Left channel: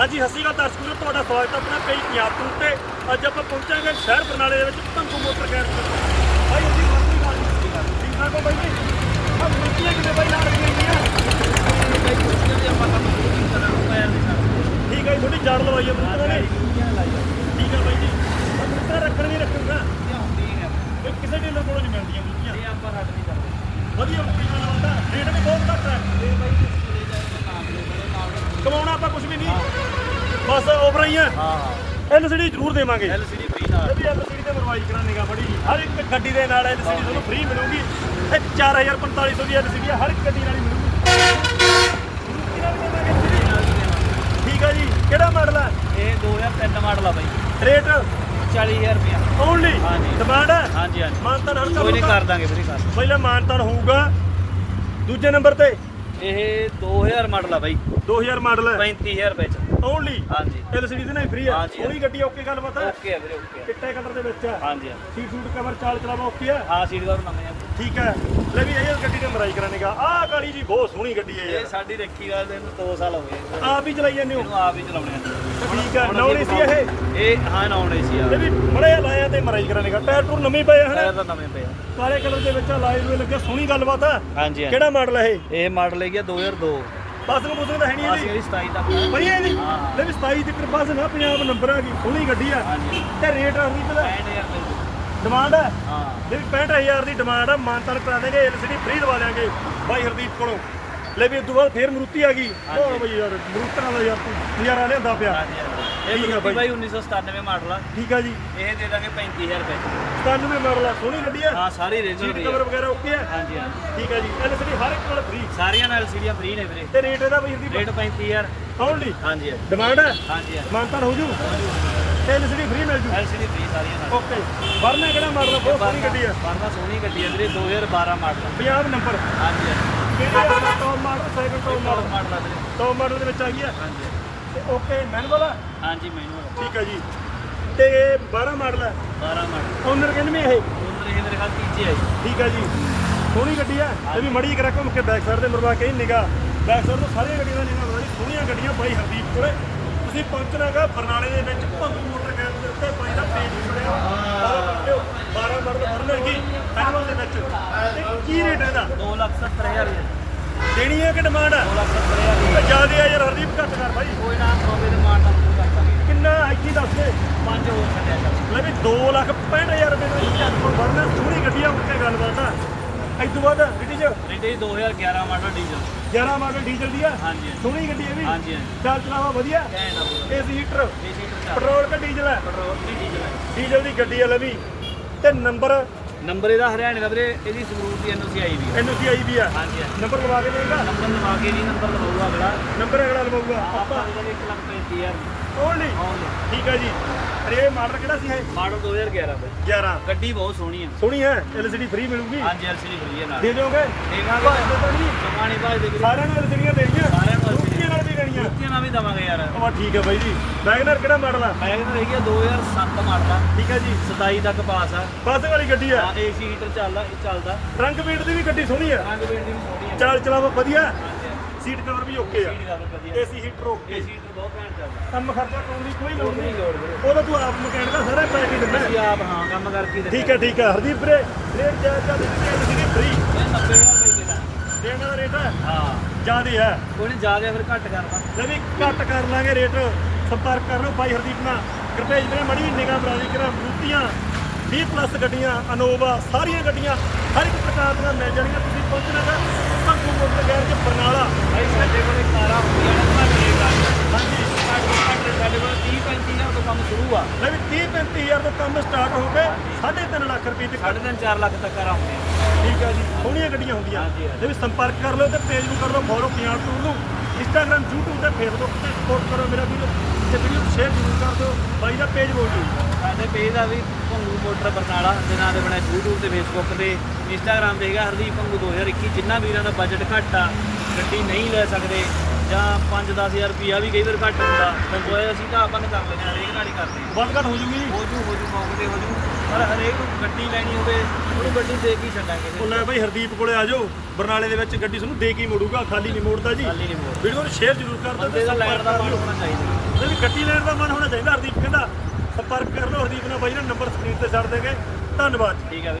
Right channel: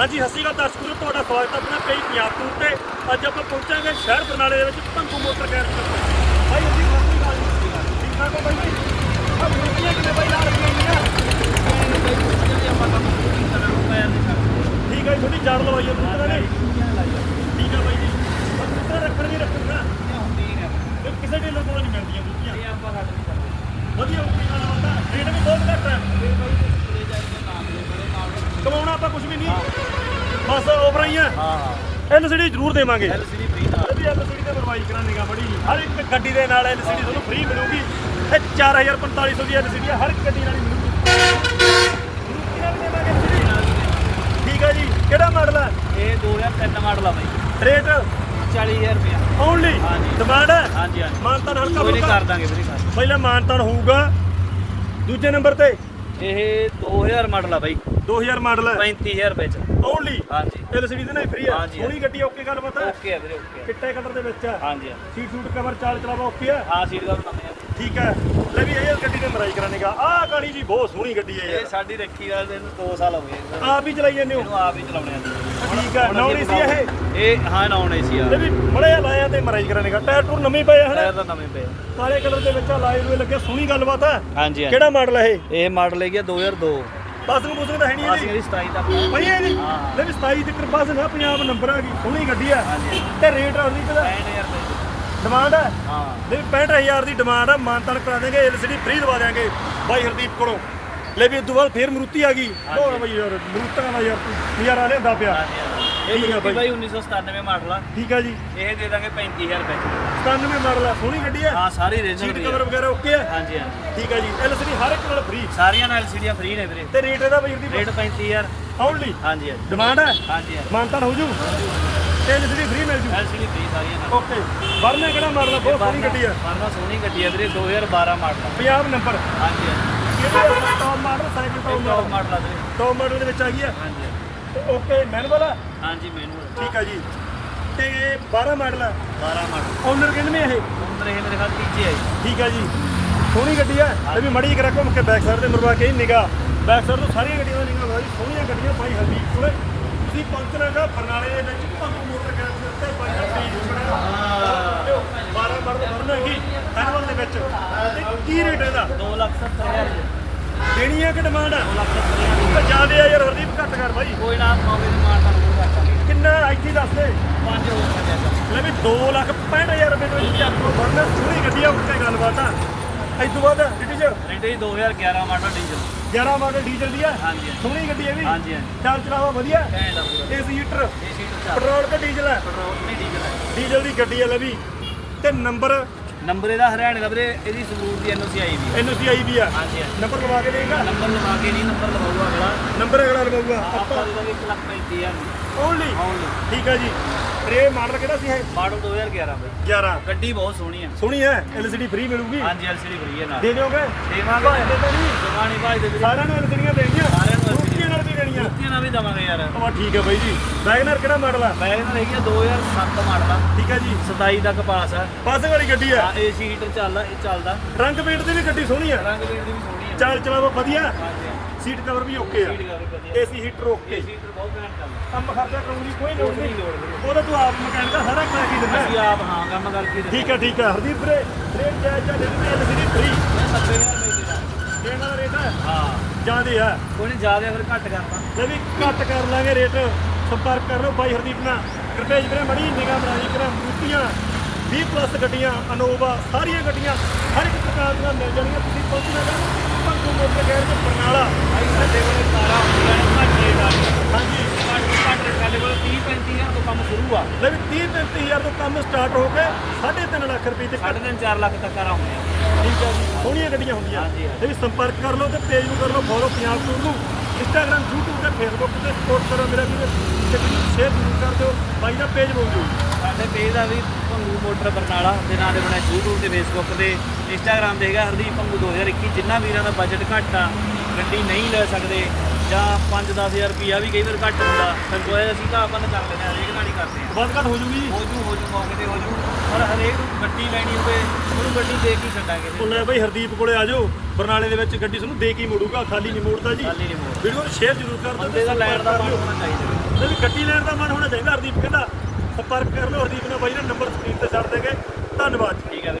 ਹਾਂਜੀ, ਸਤਿ ਸ਼੍ਰੀ ਅਕਾਲ ਦਰਸ਼ਕ ਤੁਹਾਡਾ ਸਵਾਗਤ ਹੈ ਆਪਣਾ ਪੇਜ ਪੰਜਾਬ ਤੋਂ ਤੇ। ਅੱਜ ਆਪਾਂ ਪਹੁੰਚਾਂਗੇ ਸ਼ਹਿਰ ਬਰਨਾਲੇ ਦੇ ਵਿੱਚ ਭੰਗੂ ਮੋਟਰ ਗੈਰੇਜ ਦੇ ਕੋਲ। ਭਾਈ ਅਸੀਂ ਸਤਿ ਸ਼੍ਰੀ ਅਕਾਲ ਜੀ। ਠੀਕ ਠਾਕ ਹੋ ਬਾਈ ਜੀ ਆ ਮਿੱਟੀਆਂ ਕਿਵੇਂ ਬਾਈ ਨਾਲ ਰੱਖੀਆਂ ਗਈਆਂ ਠੀਕ ਹੈ ਜੀ, ਥੋੜੀ ਜਾੜ ਲਵਾਈ ਹੈ ਮੁੱਤ ਵਾਲੇ ਠੀਕ ਹੈ ਬਾਈ ਜੀ ਮਿੱਟੀਆਂ ਰੱਖਣ ਨਹੀਂ ਰੱਖਣਾ ਇਹ ਕਿਸੇ ਢੇਲੋਂ ਕੋਲੋਂ ਨਹੀਂ ਮਿਲਦੀਆਂ ਮਿੱਟੀਆਂ ਵਧੀਆ ਮਿੱਟੀਆਂ ਨਾਲ ਆਉਂਦਾ ਰੇਟ ਵੀ ਬਹੁਤ ਘੱਟ ਹੈ ਕਮਾਉਣਾ ਆਪਾਂ ਕੁਝ ਵੀ ਨਹੀਂ ਓਵਰ ਹੀ। ਐਲਸੀਡੀ ਜ਼ਰੂਰ ਦੇਵਾਂਗੇ। ਐਲਸੀਡੀ ਇਹਦੀ ਐਲਸੀਡੀ ਤੇ ਮਰਵਾਈ ਕਰਾਂਗੇਗਾ ਬੜੀ। ਹਰ ਇੱਕ ਗੱਡੀ ਦੇ ਨਾਲ ਐਲਸੀਡੀ ਤੁਹਾਨੂੰ ਫ੍ਰੀ ਮਿਲੂਗੀ। ਇਹ 4450 ਦੀ ਐਲਸੀਡੀ ਹਰ ਇੱਕ ਗੱਡੀ ਨਾਲ ਹੀ ਮਿਲੂਗੀ। ਮਰੂਤੀ ਨਾਲ ਵੀ ਦੇਵਾਂਗੇ LCD? ਠੀਕ ਹੈ ਜੀ। ਕਿਹੜਾ ਮਾਡਲ ਹੈ ਇਹ 2003 ਮਾਡਲ ਆ ਬਾਈ। ਰੇਟ 40000 ਰੁਪਇਆ। ਓਨਲੀ ਹਾਂਜੀ। ਡਿਮਾਂਡ ਹੈ ਹਾਂਜੀ ਹਾਂਜੀ। ਮਾਨਤਾਨ ਕੋਈ ਹਲਕਾ ਨਹੀਂ ਕਰ ਦਾਂਗੇ ਵੀਰੇ ਪਹਿਲਾਂ ਮਾਨਤਾਨ ਹੋਊਗਾ। ਦੂਜੇ ਨੰਬਰ ਤੇ। ਇਹ 2000 ਮਾਡਲ ਆ ਬਾਈ। 2000 ਮਾਡਲ ਹੈ? 35000 ਰੁਪਏ ਚ ਓਨਲੀ ਹਾਂਜੀ। ਐਲਸੀਡੀ ਤੇ ਨਹੀਂ ਫ੍ਰੀ ਹੈ ਹਾਂਜੀ। ਗੱਡੀ ਓਕੇ ਗੱਲ ਪਤਾ? ਓਕੇ ਆ ਵੀਰੇ ਓਕੇ ਆ। ਚਿੱਟੇ ਕਲਰ ਦੇ ਵਿੱਚ ਹੈ? ਹਾਂਜੀ ਹਾਂਜੀ। ਸੀਟ ਸੂਟ ਕਵਰ ਚਾਲ ਚਲਾਵਾ ਓਕੇ ਹੈ ਹਾਂ ਸੀਟ ਕਵਰ ਨਵੇਂ ਆ। ਠੀਕ ਹੈ। ਲੈ ਜੀ ਇਹ ਗੱਡੀ ਤੇ ਮਰਾਈ ਕਰਾਂਗਾ ਆਹ ਗਾੜੀ ਜੀ ਬਹੁਤ ਸੋਹਣੀ ਗੱਡੀ ਹੈ ਇਹ ਯਾਰ। ਸਾਡੀ ਰੱਖੀ ਆ ਇਹਨੂੰ 2 ਸਾਲ ਹੋ ਗਏ। ਆਪ ਹੀ ਚਲਾਈ ਜਾਂਦੇ ਹੋ? ਇਹਨੂੰ ਆਪ ਹੀ ਚਲਾਉਣੇ ਆ। ਠੀਕ ਹੈ ਨੌਰੀ ਸੀ ਇਹ। ਇਹ ਹਾਂ ਨੌਨ ਸੀ ਆ। ਇਹ ਵੀ ਬੜੇ ਲਾਇਆ ਤੇ ਮਰਾਈ ਕਰਾਂਗਾ ਟਾਇਰ ਟੂਰ ਨਵੇਂ ਪਏ ਹਨ? ਟਾਇਰ ਤਾਂ ਨਵੇਂ ਪਏ ਆ। ਕਾਲੇ ਕਲਰ ਦੇ ਵਿੱਚ ਲਾਈਵ ਨੂੰ ਲੱਗੇ ਸੋਹਣੀ ਗੱਲਬਾਤ ਹੈ ਹਾਂਜੀ ਹਾਂਜੀ। ਕਿਹੜਾ ਮਾਡਲ ਹੈ ਇਹ? ਇਹ ਮਾਡਲ ਹੈਗਾ 2002 ਬਸ ਨੂੰ ਕੁਝ ਤਾਂ ਹੈ ਨਹੀਂ ਇਹਦੀ। ਇਹਦੀ 27 ਤੱਕ ਹੈ। ਨਹੀਂ। ਲੈ ਵੀ 27 ਦੀ ਕਿਰਪਾ ਸੇ ਨਾ ਪੰਜਾਬ ਨੰਬਰ ਆ ਗਈ ਸੋਹਣੀ ਗੱਡੀ ਆ। ਤੇ ਰੇਟ ਅਰਦੀ ਦਾ 60000 ਰੁਪਏ ਡਿਮਾਂਡ ਹੈ ਹਾਂ। ਲੈ ਵੀ 65000 ਦੀ ਡਿਮਾਂਡ ਆ। ਮਾਨਤਨ ਕਰਾ ਦੇਂਗੇ ਐਲਸੀਡੀ ਫ੍ਰੀ ਦਵਾ ਦੇਾਂਗੇ ਬਾਈ ਹਰਦੀਪ ਕੋਲੋਂ। ਲੈ ਵੀ ਉਦੋਂ ਬਾਅਦ ਫੇਰ ਮਰੂਤੀ ਆ ਗਈ। ਹੋਰ ਬਈ ਯਾਰ ਮਰੂਤਾਂ ਵਾਲਾ ਯਾਰ ਤੂੰ ਨਜ਼ਾਰਾ ਲਿਆਂਦਾ ਪਿਆ। ਹਾਂਜੀ ਹਾਂਜੀ। ਇਹ ਇਹ ਵਧੀਆ ਮਰੂਤੀ ਬਾਈ। ਬਾਈ 1997 ਮਾਡਲ ਆ। ਠੀਕ ਹੈ ਜੀ। ਇਹ ਦੇ ਦਾਂਗੇ 35000 ਰੁਪਏ। 97 ਮਾਡਲ ਆ ਸੋਹਣੀ ਗੱਡੀ ਹੈ ਹਾਂ ਸਾਰੀ ਸੀਟ ਦੀ ਕਵਰ ਆ। ਵਗੈਰਾ ਓਕੇ ਹੈ ਹਾਂਜੀ ਹਾਂਜੀ। ਠੀਕ ਹੈ ਜੀ। ਐਲਸੀਡੀ ਹਰ ਇੱਕ ਨਾਲ ਫ੍ਰੀ ਸਾਰੀਆਂ ਨਾਲ ਸੀੜੀਆਂ ਫ੍ਰੀ ਨੇ ਵੀਰੇ। ਤੇ ਰੇਟ ਇਹਦਾ ਵੀਰ ਦੀ ਰੇਟ 35000 ਓਨਲੀ ਹਾਂਜੀ ਹਾਂਜੀ। ਡਿਮਾਂਡ ਹੈ ਹਾਂਜੀ ਹਾਂਜੀ। ਮਾਨਤਨ ਹੋ ਜੂ ਤੇ ਐਲਸੀਡੀ ਫ੍ਰੀ ਮਿਲ ਜੂ। ਐਲਸੀਡੀ ਫ੍ਰੀ ਸਾਰੀਆਂ ਨਾਲ। ਓਕੇ ਵਰਨਾ ਕਿਹੜਾ ਮਾਡਲ ਆ? ਬਹੁਤ ਸੋਹਣੀ ਗੱਡੀ ਆ। ਵਰਨਾ ਸੋਹਣੀ ਗੱਡੀ ਹੈ ਵੀਰੇ 2012 ਮਾਡਲ ਆ। ਪੰਜਾਬ ਨੰਬਰ। ਹਾਂਜੀ ਹਾਂਜੀ। Top model second top model model ਆ ਵੀਰੇ ਟੌਪ ਮਾਡਲ ਦੇ ਵਿੱਚ ਆ ਗਈ ਹੈ। ਓਕੇ ਮੈਨੂਅਲ ਆ ਹਾਂਜੀ ਮੈਨੂੰ ਠੀਕ ਹੈ ਜੀ। ਤੇ ਇਹ 12 ਮਾਡਲ ਹੈ। 12 ਮਾਡਲ। ਓਨਰ ਕਿੰਨੇ ਇਹ? ਉਮਰ ਇਹ ਮੇਰੇ ਖਿਆਲ ਤੀਜੇ ਹੈ ਜੀ। ਠੀਕ ਹੈ ਜੀ। ਸੋਹਣੀ ਗੱਡੀ ਆ ਇਹ ਵੀ ਮੜੀ ਕਰਾ ਘੁੰਮ ਕੇ ਬੈਕ ਸਾਈਡ ਤੇ ਮੁਰਵਾ ਕੇ ਨਿਗਾ ਬੈਕ ਸਾਈਡ ਤੋਂ ਸਾਰੀਆਂ ਗੱਡੀਆਂ ਦਾ ਨਿਗਾ ਬੜਾ ਸੋਹਣੀਆਂ ਗੱਡੀਆਂ ਭਾਈ ਹਰਦੀਪ ਕੋਲੇ। ਤੁਸੀਂ ਪਹੁੰਚਣਾਗਾ ਬਰਨਾਲੇ ਦੇ ਵਿੱਚ। ਮੋਟਰ ਗੈਸ ਦੇ ਉੱਤੇ ਭਾਈ ਦਾ ਪੇਜ ਵੀ ਬਣਿਆ ਹੋਇਆ। 12 ਮਾਡਲ ਭਰਨਾ ਹੈਗੀ ਫੈਨਵਲ ਦੇ ਵਿੱਚ। ਕੀ ਰੇਟ ਇਹਦਾ? 270000 ਜੀ ਦੇਣੀ ਹੈ ਕਿ ਡਿਮਾਂਡ ਆ ਜਿਆਦੇ ਆ ਯਾਰ ਹਰਦੀਪ ਘੱਟ ਕਰ ਭਾਈ ਕੋਈ ਨਾ ਹੋਵੇ ਤੇ ਮਾਰ ਦਾਂਗੇ। ਕਿੰਨਾ ਇੱਥੇ ਦੱਸ ਦੇ। ਪੰਜ ਹੋ ਸਕਿਆ ਚੱਲ। ਲੈ ਵੀ 2 ਲੱਖ 65000 ਰੁਪਏ ਦਾ ਚੱਕਰ ਬਣਨਾ ਸੋਹਣੀ ਗੱਡੀ ਆ ਮੁੱਕੇ ਗੱਲਬਾਤ ਆ। ਇਸ ਤੋਂ ਬਾਅਦ ਡਿਟੀਜ ਰੇਟ ਇਹ 2011 ਮਾਡਲ ਡੀਜ਼ਲ। 11 ਮਾਡਲ ਡੀਜ਼ਲ ਦੀ ਆ? ਹਾਂਜੀ ਸੋਹਣੀ ਗੱਡੀ ਆ ਵੀ? ਹਾਂਜੀ ਚੱਲ ਚਲਾਵਾ ਵਧੀਆ। ਏਸੀ ਹੀਟਰ ਪੈਟਰੋਲ ਕਿ ਡੀਜ਼ਲ ਹੈ? ਪੈਟਰੋਲ ਵੀ ਡੀਜ਼ਲ ਹੈ। ਡੀਜ਼ਲ ਦੀ ਗੱਡੀ ਆ ਲੈ ਵੀ। ਤੇ ਨੰਬਰ ਨੰਬਰ ਇਹਦਾ ਹਰਿਆਣੇ ਦਾ ਵੀਰੇ ਇਹਦੀ ਸਬੂਤ ਦੀ ਐਨਓਸੀ ਆਈ ਵੀ ਹੈ ਐਨਓਸੀ ਆਈ ਵੀ ਆ। ਹਾਂਜੀ ਹਾਂਜੀ। ਨੰਬਰ ਲਵਾ ਕੇ ਦੇਗਾ ਨੰਬਰ ਲਵਾ ਕੇ ਨਹੀਂ ਨੰਬਰ ਲਵਾਉਗਾ ਅਗਲਾ। ਨੰਬਰ ਅਗਲਾ ਲਵਾਊਗਾ। ਆਪਾਂ ਆਪਾਂ ਦੇ। ਦਾਂਗੇ 135000 ਓਨਲੀ ਹਾਂਜੀ ਠੀਕ ਆ ਜੀ। ਰੇ ਮਾਡਲ ਕਿਹੜਾ ਸੀ ਇਹ? ਮਾਡਲ 2011 ਦਾ। 11 ਗੱਡੀ ਬਹੁਤ ਸੋਹਣੀ ਆ। ਸੋਹਣੀ ਹੈ ਐਲਸੀਡੀ ਫ੍ਰੀ ਮਿਲੂਗੀ? ਹਾਂਜੀ ਐਲਸੀਡੀ ਫਰੀ ਹੈ ਨਾਲ। ਦੇ ਦਿਓਗੇ? ਦੇਵਾਂਗੇ। ਤਾਂ ਜਮਾਨੀ ਭਾਈ ਦੇ ਵੀਰੇ। ਸਾਰਿਆਂ ਨੂੰ ਐਲਸੀਡੀਆਂ ਦੇਣੀਆਂ। ਸਾਰਿਆਂ ਨੂੰ LCD ਰੁਪਈਏ ਨਾਲ ਵੀ ਦੇਣੀਆਂ। ਜੁੱਤੀਆਂ ਨਾਲ ਵੀ ਦਵਾਂਗੇ ਯਾਰ। ਵਾ ਠੀਕ ਹੈ ਬਾਈ ਜੀ। ਵੈਗਨਰ ਕਿਹੜਾ ਮਾਡਲ ਆ? ਮੈਂ ਇਹਨਾਂ ਦੇਖਿਆ 2007 ਮਾਡਲ ਆ। ਠੀਕ ਹੈ ਜੀ। 27 ਤੱਕ ਪਾਸ ਆ। ਬੱਸ ਵਾਲੀ ਗੱਡੀ ਆ। ਆ ਏਸੀ ਹੀਟਰ ਚੱਲਦਾ ਇਹ ਚੱਲਦਾ। ਰੰਗ ਪੇਂਟ ਦੀ ਵੀ ਗੱਡੀ ਸੋਹਣੀ ਆ। ਰੰਗ ਵੇੜ ਦੀ ਵੀ ਸੋਹਣੀ ਆ। ਚਾਲ ਚਲਾਵਾ ਵਧੀਆ। ਹਾਂਜੀ। ਸੀਟ ਕਵਰ ਵੀ ਓਕੇ ਆ। ਸੀਟ ਕਰ ਵਧੀਆ। AC heater okay AC heater ਬਹੁਤ ਘੈਂਟ ਚੱਲਦਾ। ਕੰਮ ਖਰਚਾ ਕਰਾਉਣ ਦੀ ਕੋਈ ਲੋੜ ਕੋਈ ਨਹੀਂ। ਨਹੀਂ ਲੋੜ ਵੀਰੇ ਉਹਦਾ ਤੂੰ ਆਪ ਮਕੈਨਿਕ ਦਾ ਸਾਰਾ ਕਹਿ ਕੇ ਦਿੰਦਾ ਅਸੀਂ ਆਪ ਹਾਂ ਕੰਮ ਕਰਕੇ ਦਿੱਤਾ ਠੀਕ ਹੈ ਠੀਕ ਹੈ ਹਰਦੀਪ ਵੀਰੇ ਰੇਟ ਜਾਇਜ਼ ਜਾਂ ਦਿੱਤੀ ਗੱਲ ਸੀ ਫ੍ਰੀ ਇਹ 90000 ਰੁਪਏ ਦੇ ਦਾਂਗੇ ਦੇਣ ਵਾਲਾ ਰੇਟ ਹੈ ਹਾਂ। ਜ਼ਿਆਦੇ ਹੈ ਕੋਈ ਨਹੀਂ ਜ਼ਿਆਦਾ ਫਿਰ ਘੱਟ ਕਰਦਾ ਜੇ ਵੀ ਘੱਟ ਕਰ ਲਾਂਗੇ ਰੇਟ। ਸੰਪਰਕ ਕਰ ਲਓ ਭਾਈ ਹਰਦੀਪ ਨਾਲ। ਰੁਪਏ ਵੀਰੇ ਮੜੀ ਨਿਗਾਹ ਬਣਾ ਕਰਾਂ ਰੂਟੀਆਂ 20 ਪਲੱਸ ਗੱਡੀਆਂ ਅਨੋਵਾ ਸਾਰੀਆਂ ਗੱਡੀਆਂ ਹਰ ਇੱਕ ਪ੍ਰਕਾਰ ਦੀਆਂ ਮਿਲ ਜਾਣਗੀਆਂ ਤੁਸੀਂ ਪਹੁੰਚਣਾ ਹੈ ਭੰਗੂ ਮੋਟਰ ਗੈਰ ਦੇ ਬਰਨਾਲਾ ਭਾਈ ਸਾਡੇ ਕੋਲੇ ਕਾਰਾਂ ਹੁੰਦੀਆਂ ਨੇ ਘੱਟ ਰੇਟ ਵਾਲੀਆਂ ਹਾਂਜੀ ਘੱਟ ਤੋਂ ਘੱਟ ਰੇਟ ਸਾਡੇ ਕੋਲ 30 35000 ਤੋਂ ਕੰਮ ਸ਼ੁਰੂ ਆ। ਲੈ ਵੀ 30 35000 ਤੋਂ ਕੰਮ ਸਟਾਰਟ ਹੋ ਕੇ 3.5 ਲੱਖ ਰੁਪਏ ਸਾਢੇ ਤਿੰਨ 4 ਲੱਖ ਤੱਕ ਠੀਕ ਹੈ ਜੀ ਸੋਹਣੀਆਂ ਗੱਡੀਆਂ ਹੁੰਦੀਆਂ। ਹਾਂਜੀ, ਹਾਂਜੀ। ਇਹ ਵੀ ਸੰਪਰਕ ਕਰ ਲਓ ਤੇ ਪੇਜ ਨੂੰ ਕਰ ਲਓ ਫੋਲੋ ਪੰਜਾਬ ਟੂਰ ਨੂੰ। ਇੰਸਟਾਗ੍ਰam YouTube ਤੇ ਫੇਸਬੁੱਕ ਤੇ ਸਪੋਰਟ ਕਰੋ ਮੇਰਾ ਵੀਰ। ਤੇ ਵੀਡੀਓ ਸ਼ੇਅਰ ਜ਼ਰੂਰ ਕਰ ਦਿਓ। ਬਾਈ ਦਾ ਪੇਜ ਬੋਲ ਦਿਓ। ਸਾਡੇ ਪੇਜ ਦਾ ਵੀ ਭੰਗੂ ਮੋਟਰ ਬਰਨਾਲਾ ਦੇ ਨਾਂ ਦੇ ਬਣਿਆ YouTube ਤੇ Facebook ਤੇ। Instagram ਤੇ ਹੈਗਾ ਹਰਦੀਪ ਭੰਗੂ 2021 ਜਿੰਨਾ ਵੀਰਾਂ ਦਾ ਬਜਟ ਘੱਟ ਆ ਗੱਡੀ ਨਹੀਂ ਲੈ ਸਕਦੇ। ਜਾਂ 5-10000 ਰੁਪਿਆ ਵੀ ਕਈ ਵਾਰ ਘੱਟ ਹੁੰਦਾ। ਉਹ ਅਸੀਂ ਤਾਂ ਆਪਾਂ ਕਰ ਲੈਂਦੇ ਹਾਂ ਹਰੇਕ ਨਾਲ ਹੀ ਕਰਦੇ ਹਾਂ। ਵੱਧ ਘੱਟ ਹੋ ਜੂਗੀ ਹੋ ਜੂ ਹੋ ਜੂ ਮੌਕੇ ਤੇ ਹੋ ਜੂ। ਪਰ ਹਰੇਕ ਨੂੰ ਗੱਡੀ ਲੈਣੀ ਹੋਵੇ ਉਹਨੂੰ ਗੱਡੀ ਦੇ ਕੇ ਛੱਡਾਂਗੇ ਉਹ ਲੈ ਬਈ ਹਰਦੀਪ ਕੋਲੇ ਆ ਜਾਓ ਬਰਨਾਲੇ ਦੇ ਵਿੱਚ ਗੱਡੀ ਤੁਹਾਨੂੰ ਦੇ ਕੇ ਮੋੜੂਗਾ ਖਾਲੀ ਨਹੀਂ ਮੋੜਦਾ ਜੀ। ਖਾਲੀ ਨਹੀਂ ਵੀਡੀਓ ਨੂੰ ਸ਼ੇਅਰ ਜ਼ਰੂਰ ਕਰ ਦਿਓ ਦਾ ਲੈਣ ਦਾ ਮਨ ਹੋਣਾ ਚਾਹੀਦਾ। ਜਿਹੜੀ ਗੱਡੀ ਲੈਣ ਦਾ ਮਨ ਹੋਣਾ ਚਾਹੀਦਾ ਹਰਦੀਪ ਕਹਿੰਦਾ। ਸੰਪਰਕ ਕਰ ਲਓ ਹਰਦੀਪ ਨਾਲ ਬਾਈ ਦਾ ਨੰਬਰ ਸਕਰੀਨ ਤੇ ਛੱਡ ਦੇਗੇ। ਧੰਨਵਾਦ। ਠੀਕ ਹੈ